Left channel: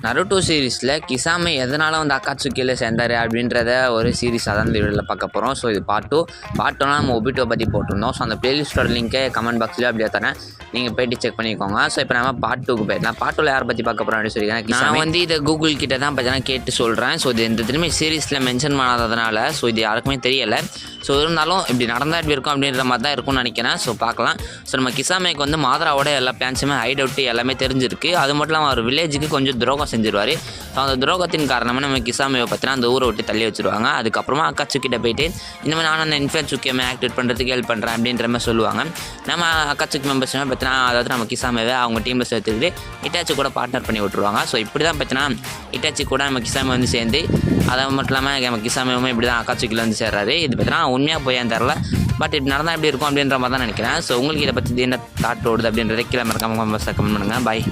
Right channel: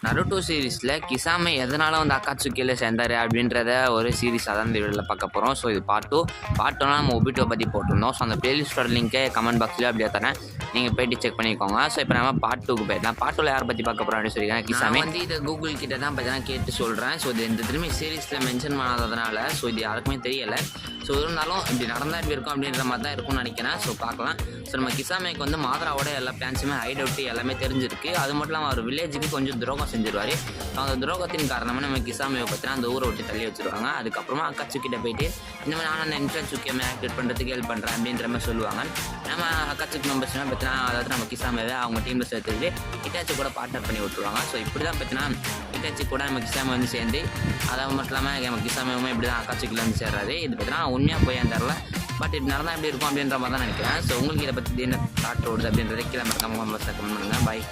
Naruto சீரிஸில் Kisame எதனால் வந்து அக்காட்சுக்கியில் சேர்ந்தார் அப்படின்றத ஒரு சீரிஸாக தான் இந்த வீடியோவில் பார்க்க போகிறோம். ஸோ இது பார்ட் 2 நம்ம ஒபிட்டோ பற்றி போட்டிருந்தோம். ஸோ அந்த பிளேலிஸ்டோட லிங்க்கை கமெண்ட் பாக்ஸில் அப்படியே தரேன், நீங்கள் போய்ட்டு செக் பண்ணிக்கோங்க. ஸோ இப்போ நம்ம பார்ட் 2க்கு போயிடலாம். பார்ட் 2ல யாரை பற்றி பார்க்க போகிறோம் அப்படின்னு சொல்லி கிசாமி வந்து இதை கூகுள் கிட்ட தான் பார்த்தீங்கன்னா கேட்டு சொல்கிறேன். ஸோ இது இந்த திரும்பி சீரிஸில் மென்ஷன் பண்ணாததுனால ஸோ இது யாருக்குமே தெரியலை. ஸோ இருந்தாலும் இப்படி நடந்தால் இப்படி இருக்கும் அப்படின்ற மாதிரி தான் இருக்கும்னு நினைக்கிறேன். ஸோ பார்க்கலாம். ஸோ நம்ம கிசாமிக்கு வந்து மாதராவோட எல்லா பிளான்ஸுமே ஹைட் அவுட்டு எல்லாமே தெரிஞ்சிருக்கு. அது மட்டும் இல்லாமல் அவர் வில்லேஜுக்கு கொஞ்சம் துரோகம் செஞ்சிருவார். ஸோ அந்த துரோகத்தின் காரணமாக நம்ம கிசாமியை பார்த்தீங்கன்னா அந்த ஊரை விட்டு தள்ளி வச்சுருவாங்க. அதுக்கப்புறமா அக்காட்சுக்கிட்ட போயிட்டு இந்த மாதிரி நான் அந்த இன்ஃப்ளூயன்ஸுக்கியமே ஆக்டிவேட் பண்ணுறதுக்கு ஹெல்ப் பண்ணுறேன் அப்படின்ற மாதிரி சொல்லுவாங்க. நம்ம அக்காட்சுக்கு மெம்பர்ஸ்மே பார்த்தீங்கன்னா அதாவது நம்ம கிசாமியை அவங்க டீமில் சேர்த்துக்கிட்டு இட்டாச்சி கூட பார்ட்னர் பண்ணி விட்ருவாங்க. ஸோ இப்படி தான் பார்த்தீங்கன்னா இட்டாச்சி கூட நம்ம கிசாமி வந்து சேர்ந்து அதை மட்டும் இல்லாமல் நம்ம கிசாமியுமே இப்படி தான் அக்காட்சுக்கில் வந்து சேர்றாரு. இது பார்த்தீங்கன்னா உண்மையாக போய் தெரில, பட் இப்படி நடந்தால் எப்படி இருக்கும் அப்படின்ற மாதிரி தான் நினைக்கிறேன். ஸோ உங்களுக்கு இதை பற்றி என்ன தாட் ஓடுது அப்படின்றத கீழே மறக்காம கமெண்ட் பண்ணுங்கள். பாய்.